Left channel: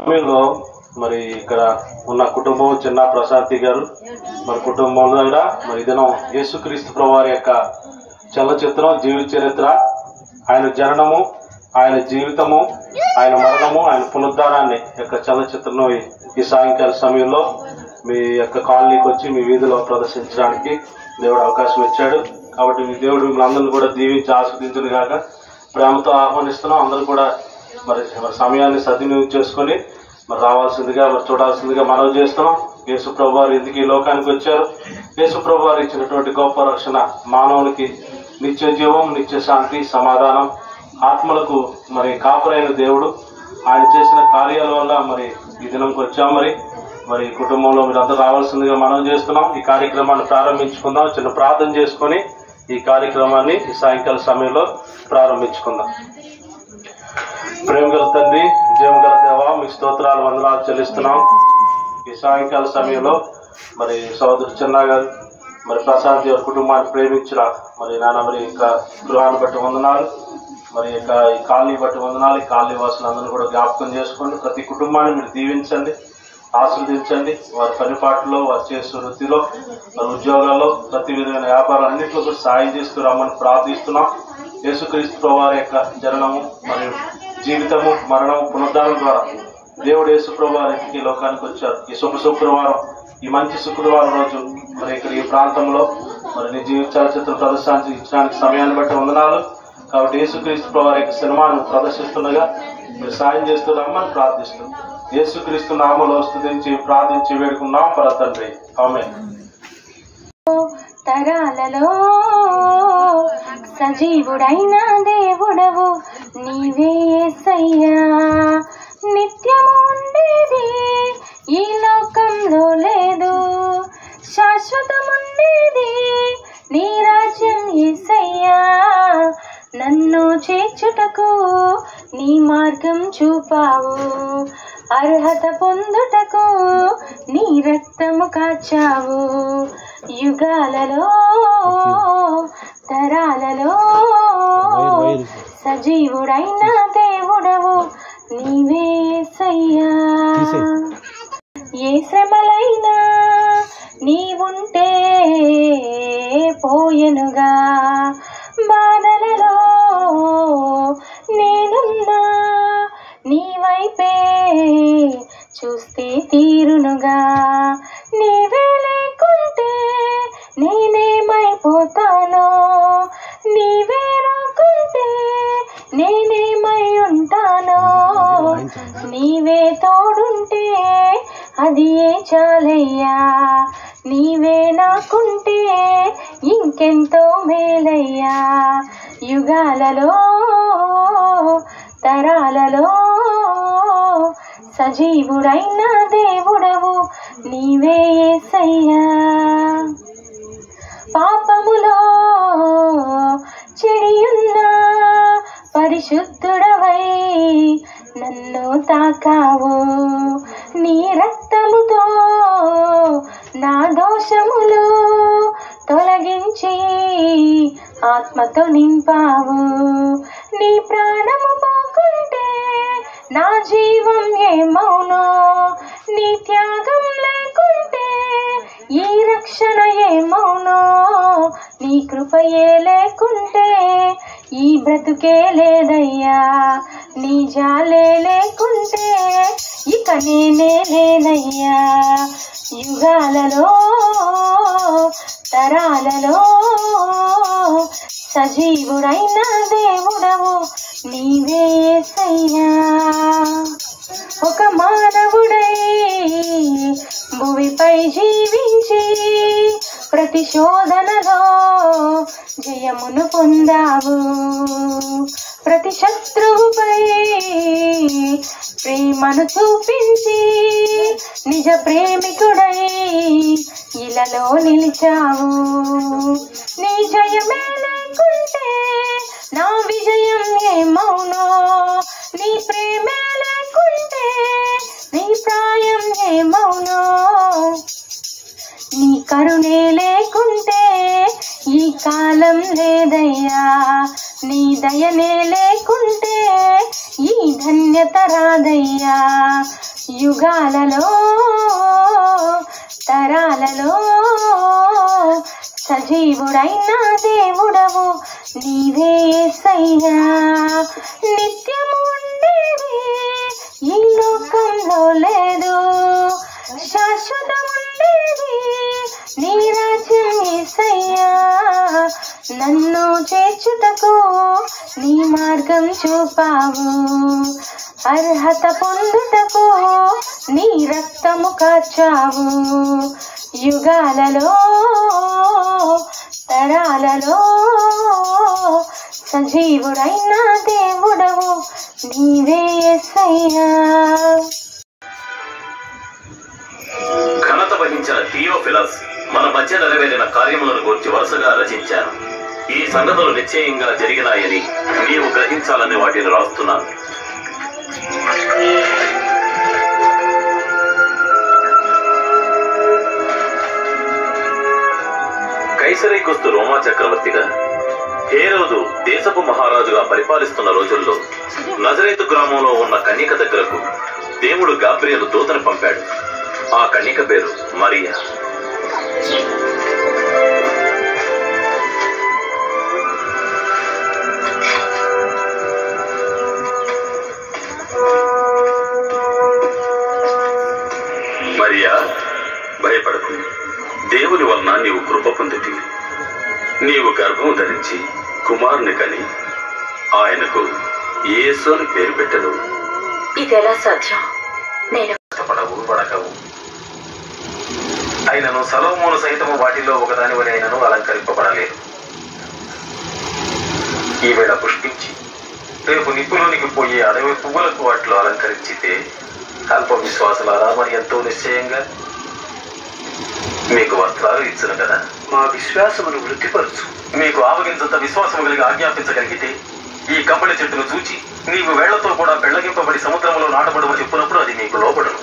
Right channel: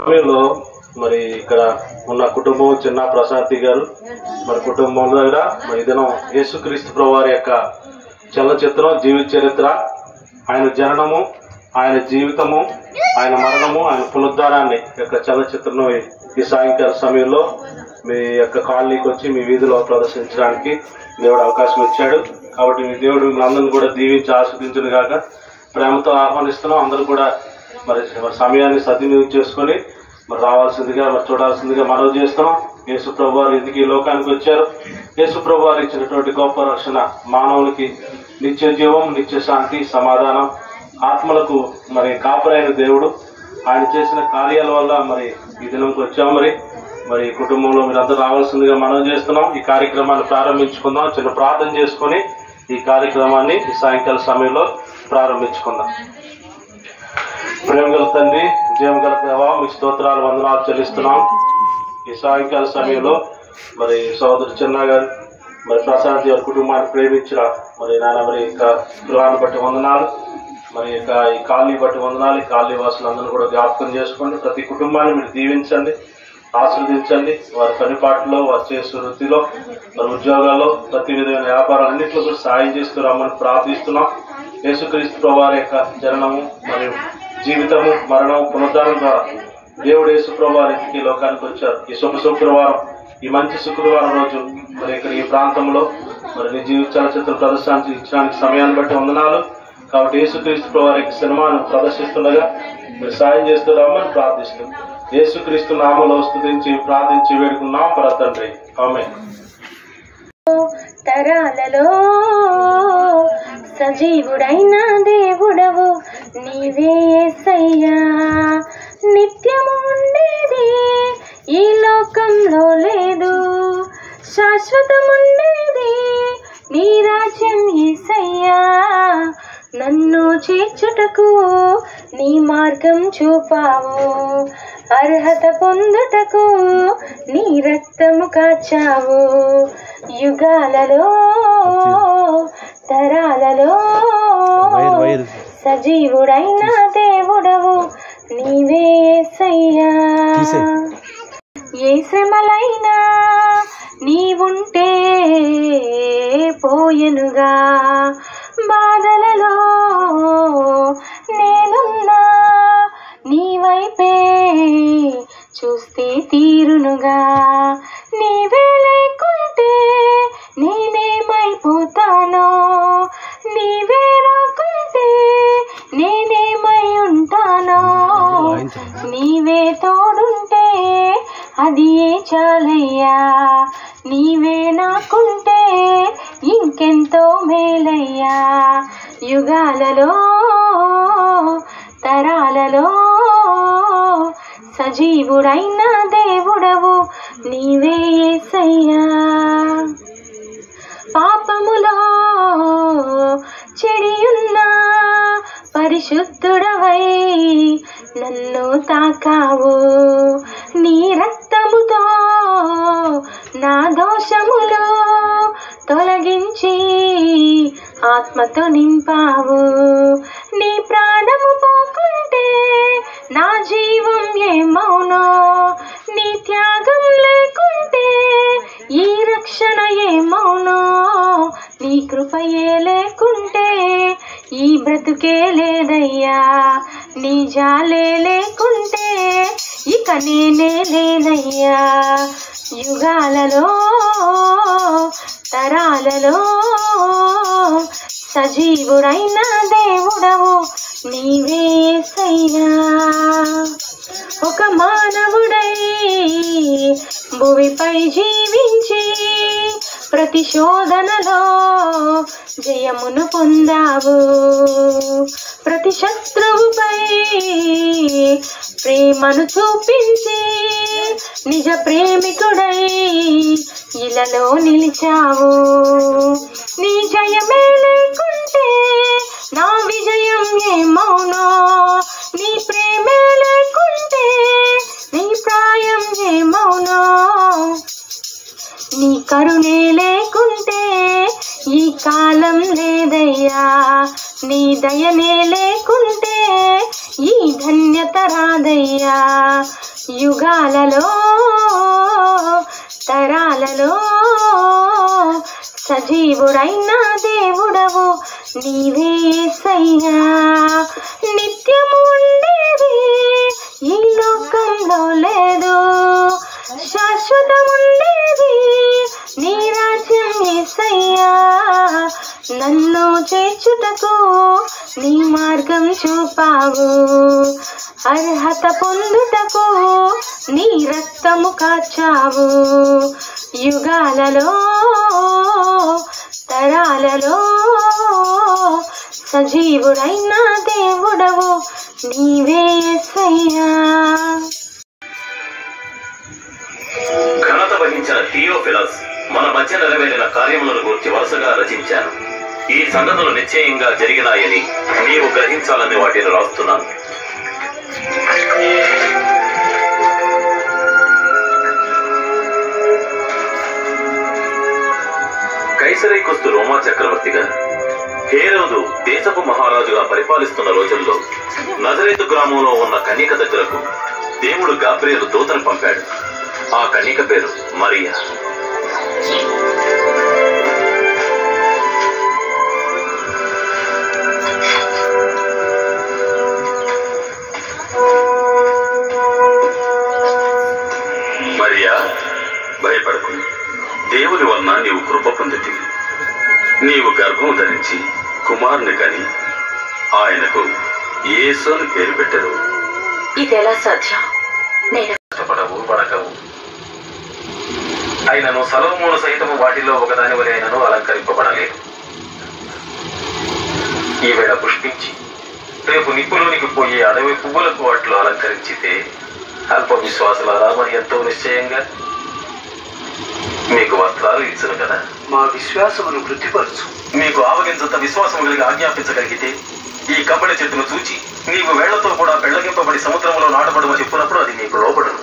సమయంలో మరి ఇక్కడ ఉన్న కుటుంబం చిన్న ప్రశాంతి గారు మరి కుటుంబం దగ్గర మరి దినం యేసుక్రీస్తు ప్రభువారి యొక్క చలనచిత్రం జీవిత చరిత్ర, ఆయన జననము, ఆయన జీవితము, ఆయన మరణము, ఆయన పునరుద్ధారాన్ని యొక్క చలనచిత్రం ఈ సాయంకాల సమయంలో మీ యొక్క కాలనీకి వచ్చి మీ వీధిలో ప్రదర్శించడానికి దేవుడు అవకాశం ఇచ్చాడు. కాబట్టి మీ దేవుడు మిమ్మల్ని అందరినీ కూడా దీవించి ఆస్వాదించును గాక ప్రేమతో ఆహ్వానిస్తున్నాం. అందరూ కూడా మరి సమయాన్ని సద్వినియోగం చేసుకొని మరి రావాల్సిందిగా మరి చూడాల్సిందిగా మనవి చేస్తున్నాం. యేసు ప్రభువారు ఎందుకు ఈ లోకానికి వచ్చారు? యేసు ప్రభువారు ఇచ్చినటువంటి గొప్ప రక్షణ మానవునికి నిత్య జీవం, నిత్య శాంతి, సమాధానం, ఆత్మలకు మరి కాపురైన దేవుడు. ఆయన చేసిన కార్యాల వల్ల మరి ఈ దినంకి వచ్చాం. మరి కుటుంబంలో మీరందరూ రావాల్సిందిగా మనం చేస్తున్నాం. ఈ కార్యక్రమాన్ని ప్రారంభించుకుందాం. చిన్న ప్రార్థన చేసుకొని ఈ కార్యక్రమాన్ని ఈ సాయంకాల సమయంలో ప్రారంభించుకుందాం. ప్రేమగల తండ్రి, విజయం గల దేవా, మీ స్తోత్రాలు వందనాలు చెల్లిస్తున్నాం. ఈ సాయంకాల సమయంలో మరి సోదరు చిన్న గారు మరి ప్రశాంత్ గారి కుటుంబాన్ని ప్రేమించిన మరి నాన్న మరి ఇంకా గృహాన్ని బట్టి వందనాలు, మరి ఇక ఈ కాలనీ బట్టి వందనాలు. ఈ కాలనీ వాసులందరూ కూడా జ్ఞాపకం చేసుకోండి. ప్రతి కుటుంబాన్ని మీరు దీవించండి, ఆశీర్వదించండి. వారి పనిపాట్లలో, వారు చేసే వృత్తిలో, వారి ఉద్యోగాల్లో, ప్రతి విధమైన వ్యాపారాలన్నింటిలో కూడా సాయం చేస్తూ రమ్మని ప్రార్థిస్తున్నాం. యేసుక్రీస్తు ప్రభువారి యొక్క జననము మరియు జీవితము, మరణము, పునరుద్ధానం ద్వారా దేవుడు యేసు ప్రభువారు ఈ లోకానికి వచ్చారు. ఈ శుక్రవారం, ఈ మంచి శుక్రవారం రోజు మరి ఇక్కడ ఈ ప్రాంతంలో మరి నీ జీవిత చలనచిత్ర ప్రదర్శనానికి ఇచ్చడానికి సమయాన్ని బట్టి వందనాలు. కాబట్టి యేసుక్రీస్తు ప్రభువారి యొక్క సినిమాను ప్రదర్శిస్తుండగా మీరు సాయం చేస్తూ రమ్మని ప్రార్థిస్తున్నాం. యేసుక్రీస్తు నామములో స్తుతించి ప్రార్థించి వేడుకున్నాం పర తండ్రి, ఆమేన్. తరాలలో సజీవుడైన దేవుడవు నీవే యేసయ్యా. నిత్యము ఉండేది ఈ లోకంలో లేదు, శాశ్వతముండేది నీ రాజ్యం యేసయ్యా. నన్ను చేర్చుటకు నీ మార్గం చూపావు, అర్హత పొందుటకు నీ రక్తము కాచావు. యుగాలలో తరాలలో సజీవుడైన దేవుడవు నీవే యేసయ్యా. ఏ శ్రమలైనా నీవుంటే పోయెనుగా, బాధలలో నేనున్నా నీ వైపే చూస్తే తీరునుగా. నీవే లేకుంటే నేనేమైపోతానో, నీవే రాకుంటే నేనేమై ఉంటానో. నీవే తోడుంటే అది ఏ చాలయ్యా, నీవే నాకుంటే ఇంకెంతో మేలయ్యా. యుగాలలో తరాలలో సజీవుడైన దేవుడవు నీవే యేసయ్యా. పాపములో చెడియున్న పరిశుద్ధుడవై నన్ను తాకావు. నీ రక్తముతో నా దోషములు తొలగించి ఆత్మతో నింపావు. నీ ప్రాణము పోకుంటే నా జీవం ఏమౌనో, నీ త్యాగం లేకుంటే ఈ రక్షణ ఏమౌనో. నీ కృపయే లేకుంటే ఈ బ్రతుకే లేదయ్యా, నీ జాలే లేకుంటే ఇక నేనే లేనయ్యా. యుగాలలో తరాలలో సజీవుడైన దేవుడవు నీవే యేసయ్యా. ఒక మానవుడై భూమిపై జీవించి ప్రతి శోధనలో జయమును పొందావు. ప్రతి శత్రువుపై ప్రేమను చూపించి నిజ ప్రేమికుడై ఇలలో నిలిచావు. నీ జయమే లేకుంటే నా విజయం ఏమౌనో, నీ ప్రేమే లేకుంటే నీ ప్రాయం ఏమౌనో. నీ కరుణే లేకుంటే ఈ కాలం లేదయ్యా, నీ దయనే లేకుంటే ఈ ధన్యత రాదయ్యా. యుగాలలో తరాలలో సజీవుడైన దేవుడవు నీవే యేసయ్యా. నిత్యము ఉండేది ఈ లోకంలో లేదు, శాశ్వతముండేది నీ రాజ్యం యేసయ్యా. నన్ను చేర్చుటకు నీ మార్గం చూపావు, అర్హత పొందుటకు నీ రక్తము కాచావు. యుగాలలో తరాలలో సజీవుడైన దేవుడవు నీవే యేసయ్యా. ఘనత వహించిన థియోఫిలస్ మన మధ్య నెరవేరిన కార్యములను గురించి వరుసగా రచించాను. ఈ సంగతులు నిశ్చయంగా జరిగినాయని నీవు గ్రహించాలని వాటిని రాస్తున్నాను. కైసరైకొస్తు రోమా చక్రవర్తిగా, హేరోదు దేశపు మహారాజుగా పరిపాలిస్తున్న రోజుల్లో నజరేతు గ్రామంలో ఉన్న కన్యక దగ్గరకు దేవుడు గాబ్రియలు దూతను పంపాడు. ఆ కన్యక పేరు మరియా. మరియా, భయపడకు, దేవుని వలన నీవు కృప పొందితివి. నీవు గర్భం ధరించి కుమారుని కని ఆయనకు యేసు అని పేరు పెట్టెను. ఇదెలా సాధ్యం? నేను పడవు వడకవు అయినను సలోమోను సైతము వాటిలో ఒకదాని వలె అయినను అలంకరింపబడలేదు. ఈవేళ పుష్పించి రేపు నిప్పులోనికి పోయే అడవి పువ్వులకు వాటిలో అలంకరించితే అల్ప విశ్వాసులారా మరి ఎంతో నిశ్చయంగా మీకు వస్త్రాలు ఇచ్చును కదా. మా విశ్వాసమును వృద్ధిపరచు. మీకు ఆవగించంత విశ్వాసము కలిగి ఆజ్ఞాపించగలిగితే ఈ కంబళి చెట్టును చూచి నీవు వేళ్లతో కూడా పెళ్లగింపబడి సముద్రంలో నాటబడమని చెప్పినప్పుడు అది నీకు లోబడును.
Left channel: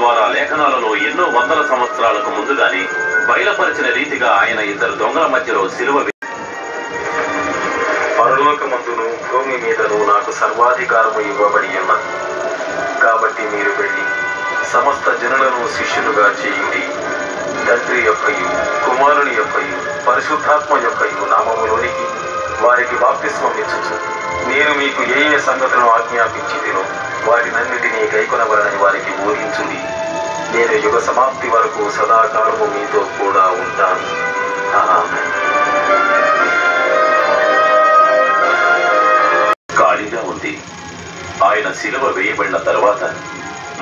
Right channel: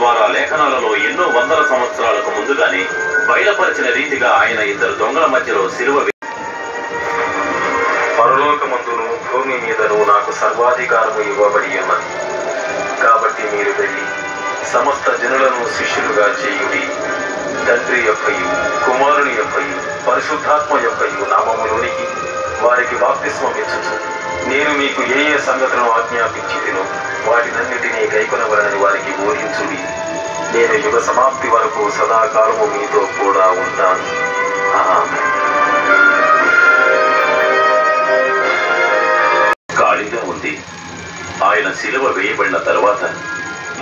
ద్వారా లేఖనాలలో ఎన్నో వందల సంవత్సరాలకు ముందుగానే బయలుపరిచిన రీతిగా ఆయన ఇద్దరు దొంగల మధ్యలో సిలువ పరలోకమందును భూమి మీదను నాకు సర్వాధికారము ఇవ్వబడి ఉన్నది. కాబట్టి మీరు వెళ్ళి సమస్త జనులను శిష్యులుగా చేయుడి. తండ్రి యొక్కయు కుమారుని యొక్కయు పరిశుద్ధాత్మ యొక్కయు నామములోనికి వారికి బాప్తిస్మం ఇచ్చుచు నేను మీకు ఏ ఏ సంగతులను ఆజ్ఞాపించితినో వాటినన్నిటినీ కైకొనవలని వారికి బోధించుడి. నేను యుగ సమాప్తి వరకు సదాకాలము మీతో కూడా ఉంటాను. ఖాళీగా ఉంది. ఆయన శిలువ వేయబడిన తర్వాత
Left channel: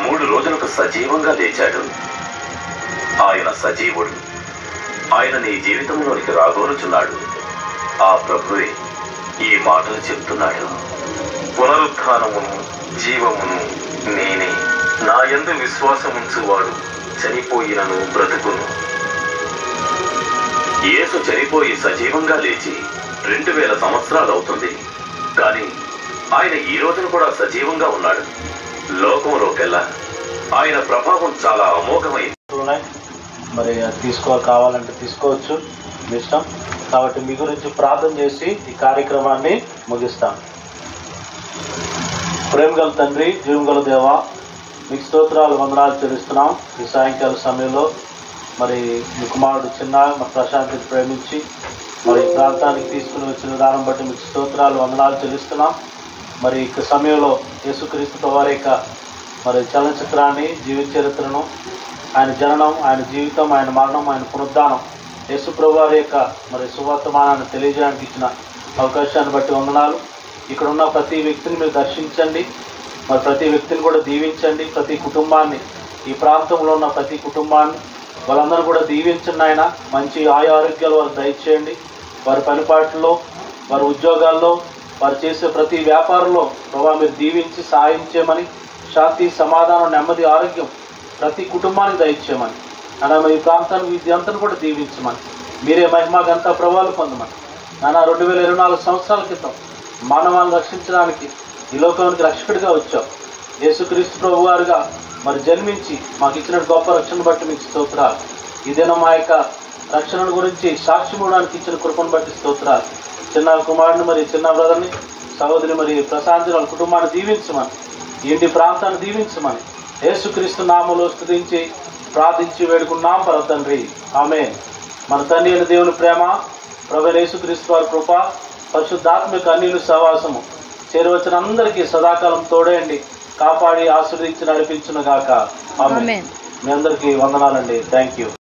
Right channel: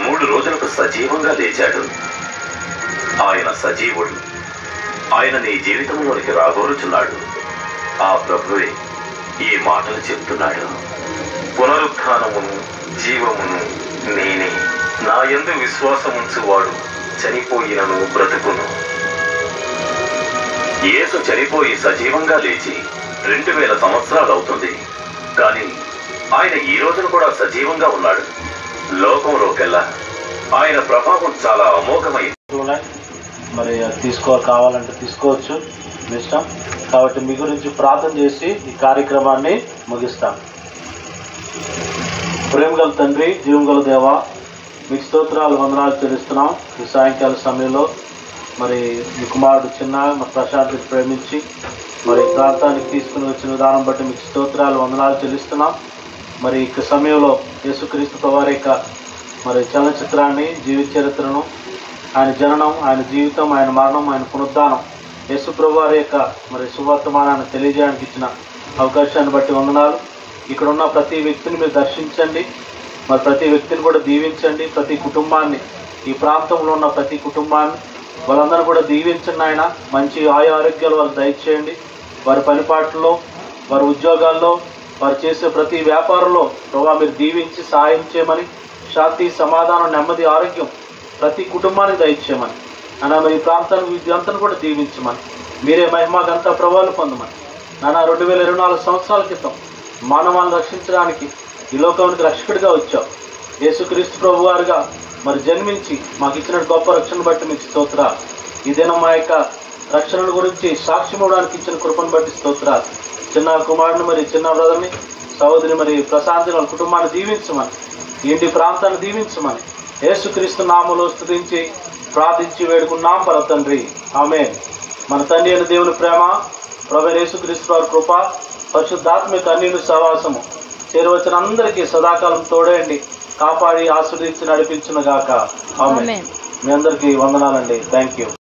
3 రోజులకు సజీవంగా లేచాడు. ఆయన సజీవుడు. ఆయన నీ జీవితంలోనికి రాగోరుచున్నాడు. ఆ ప్రభువే ఈ మాటలు చెప్తున్నాడు. పునరుత్థానమును జీవమును నేనే. నా యందు విశ్వాసముంచువాడు చనిపోయినను బ్రతుకును. యేసు చనిపోయి సజీవంగా లేచి 2000 సంవత్సరాలు అవుతుంది. కానీ ఆయన ఈ రోజున కూడా సజీవంగా ఉన్నాడు. లోకంలోకెల్లా ఆయన ప్రభావం చాలా అమోఘమైంది. మరి కావాలంటే తీసుకోవచ్చు, మీ ఇష్టం. కాబట్టి మీ గురించి ప్రార్థన చేసి ఈ కార్యక్రమాన్ని ముగిస్తాం. ప్రేమగల తండ్రి, జీవంగల దేవ, మీకు స్తోత్రాలు వందనాలు చెల్లిస్తున్నాం. ఈ సాయంకాల సమయంలో మరి మీ కుమారుడు చిన్న మరి ప్రశాంత్ని ప్రేమించి మరి ప్రాంతానికి తీసుకుని వచ్చిన విధానం బట్టి మీకు స్తోత్రాలు వందనాలు చెల్లిస్తున్నాం. మరి ఈ సమయంలో యేసుక్రీస్తు వారి యొక్క మరి చలనచిత్రాన్ని, జీవిత చరిత్రను, ఆయన జననం, ఆయన జీవితం, ఆయన మరణం, ఆయన పునరుద్ధానం, యేసు ప్రభు వారి యొక్క మరి సువర్తమానాన్ని తెలియజేయడానికి ఇచ్చిన అవకాశాన్ని బట్టి వందనాలు. ఇక్కడ ఉన్న ప్రతి వ్యక్తిని మీరు దర్శించండి, మరి ప్రతి వ్యక్తిని కూడా దీవించండి. ప్రతి కుటుంబాన్ని ఈ ప్రాంతంలో ఉన్న ప్రతి కుటుంబాన్ని వాళ్ళందరూ కూడా దీవించండి ఆయన. మంచి ఆరోగ్యాలు వారికి దయచేయండి. వారి పనిపాట్లలో, వారి ఉద్యోగాల్లో, వారు చేసే ప్రతి వ్యాపారంలో ప్రభావ మీరు దీవించి సహాయం చేయమని, శాంతి, సమాధానం, నెమ్మది, ఆరోగ్యం ప్రతి కుటుంబానికి దయచేయమని నాన్న. మరి ఈ ప్రాంతానికి విద్యాంతను కూడా దీవించమని, మీరే మహిమ గంట ప్రభావాలు పొందమని నాన్న. 2024 సంవత్సరాల క్రితం మానవాన్ని రక్షించడానికి ఈ లోకానికి రక్షకుడిగా వచ్చావు. యేసుక్రీస్తు ప్రభు వారుగా మరి జన్మించి మాకు ఇచ్చిన గొప్ప రక్షణ బట్టి మీకు స్తోత్రాలు. ఈ దినం మా యొక్క రక్షణ గురించి సాక్ష్యం ఇవ్వడానికి ఇచ్చిన కృపను బట్టి స్తోత్రాలు. చిన్న కుమారుని మరి చిన్న బ్రదర్ని, సహోదరి మరి ప్రశాంతి వాళ్ళ కుటుంబాన్ని దీవించమని, ఇంటి ప్రాంతాన్ని దీవించమని యేసుక్రీస్తు నామములో స్తుతించి ప్రార్థించి వేడుకున్నాం పర తండ్రి. ఆమేన్. మన తండ్రి అయిన దేవుని ప్రేమ, ప్రభువైన యేసుక్రీస్తు వారి కృప, పరిశుద్ధాత్మిక అన్యుని సహవాసము చేరవచ్చిన అందరికీ సదాకాలం తోడేయండి, కాపాడి ఆశీర్వదించి నడిపించును గాక. ఆమేన్. మీ అందరికీ వందనాలండి. Thank you.